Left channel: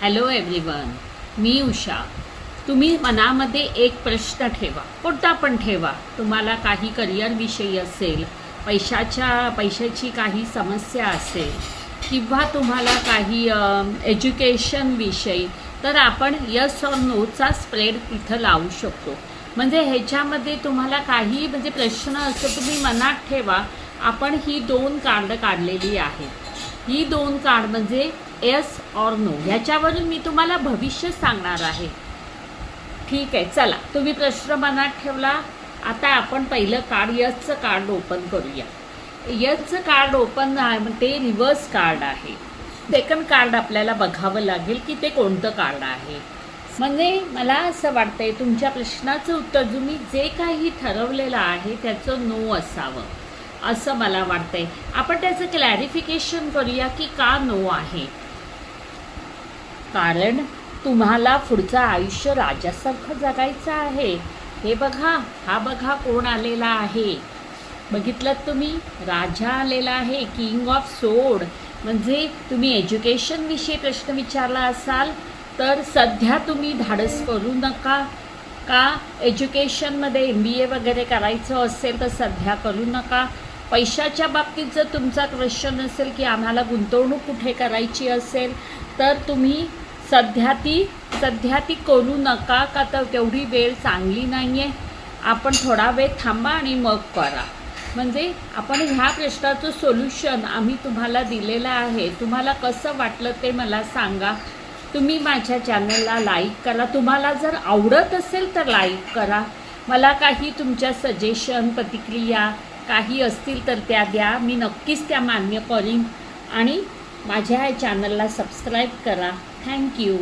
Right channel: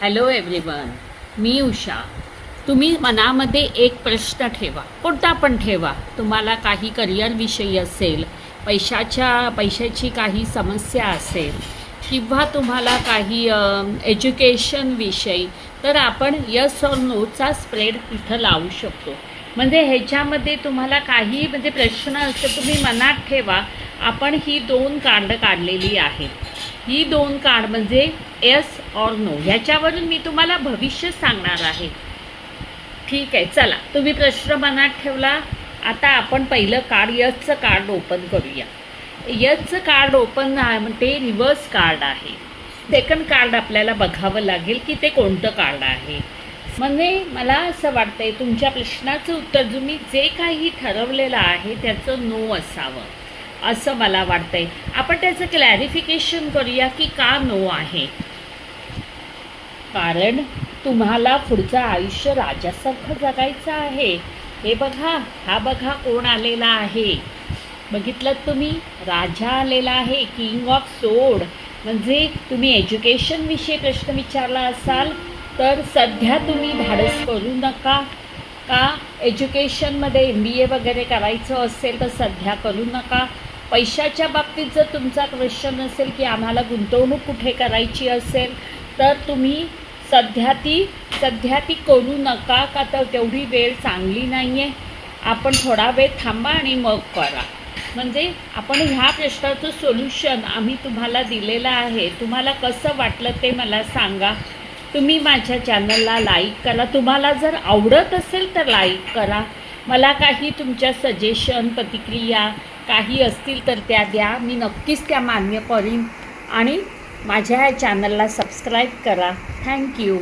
Hello everyone, मी उषा. तुम्ही मनामध्ये एक प्रश्न ठेवा, कोणता पण ठेवा. तुम्हाला काही करिअरविषयी असेल, पैशाची काही समस्या असेल किंवा तुम्हाला काही एज्युकेशनविषयी, तर आपण यस और नोचा स्प्रेड तिथं लावू शकतो. म्हणजे ह्याच्यामध्ये तुम्हाला काही प्रश्न असेल तुम्ही मनात ठेवा. आपण ही 2 कार्ड काढलेली आहेत. ही 2 कार्ड म्हणजे येस और नो, ह्याच्यावरून मी तुम्हाला भविष्य सांगणार आहे. ठीक आहे, चला तुम्ही प्रश्न मनात ठेवला. आता आपण पहिलं कार्ड यसचं कार्ड ओपन करूया. यसचं कार्ड ओपन ते रिव्हर्स कार्ड आहे. सेकंड कार्ड आपल्याला बघावं लागेल की ते कोणतं कार्ड आहे. म्हणजे मला असं वाटतंय तुमच्या प्रश्नाचं उत्तर तुम्ही जे काही ठरवलेलं आहे त्याचं नो असावं असं मला वाटतंय. आपण त्याचं क्लॅरिफिकेशन करूया की का नो आहे. कारण तुम्हाला पुढचं आयुष्य राजासारखं जगायचं आहे. हे बघा, हा बघा कोण आलेला आहे. बघितलं तुम्ही, राजा आलेला आहे, किंग ऑफ सोड. म्हणजे तुम्ही एज्युकेशनविषयी प्रश्न विचारला असाल तर सध्या तुम्ही धाडस करू नका. का एज्युकेशनमध्ये MBA वगैरे करायचं असेल तर सध्या करू नका. पैशाच्या बाबतीत जर तुमचा क्वेश्चन असेल की आम्हाला गुंतवणूक कुठे करायची असेल तर तुम्ही सध्या ती करू नका. का तर तेवढी वेळ चांगली नाही आहे. आपण थोडा वेळ थांबा आणि मग करा. म्हणजे आपण ह्या प्रश्नाचं सोल्युशन आम्ही तुम्हाला दिलेलं आहे. तुम्हाला कसं वाटलं ते मला सांगा. तुम्ही माझ्या चॅनलला लाईक करा. तुम्हाला जर आवडत असेल तर लाईक करा. मला काही तुमच्या सजेशन, प्रतिक्रिया काही असतील तर त्या द्या. मी नक्कीच त्या मान्य करीन. आणि माझ्या या चॅनलला सबस्क्राईब करा. थँक्यू.